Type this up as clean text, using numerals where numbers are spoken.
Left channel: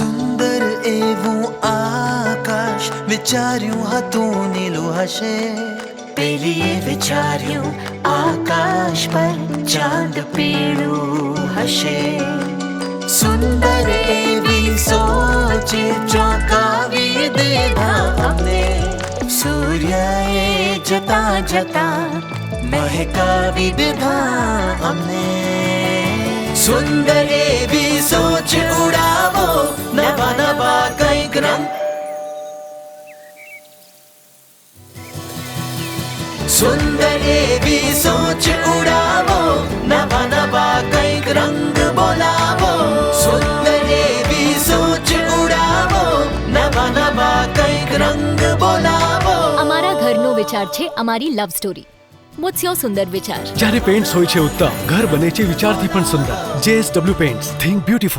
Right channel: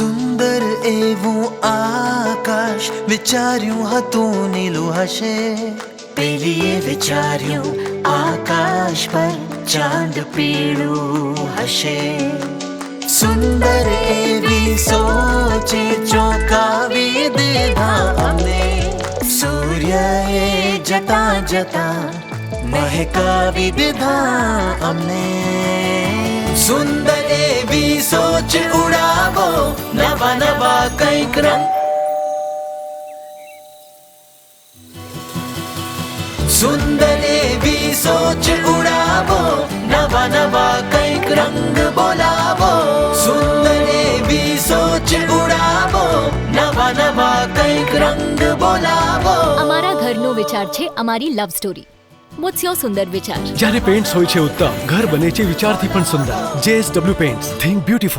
સુંદર એવું આકાશ વિચાર્યું હતું નીલું હશે, પેલીએ વિચાર્યું આકાશ પર ચાંદ પીળું હશે. સુંદર એવી સોચે ચોંકાવી દીધા અમને, સૂર્યએ જતા જતા મહેકાવી દીધા અમને. સુંદર એવી સોચ ઉડાવો, નવા નવા કંઈક રંગ. સુંદર એવી સોચ ઉડાવો, નવા નવા કંઈક રંગ બોલાવો. સુંદર એવી સોચ ઉડાવો, નવા નવા કંઈક રંગ બોલાવો. અમારા ઘરનો વિચાર છે અમારી લવ સ્ટોરી. What's your સુંદર વિચાર? જ્યારે પેન્ટ્સ હોય છે ઉત્તમ, ઘર બને છે વિચારથી પણ સુંદર. JSW pants, think beautiful.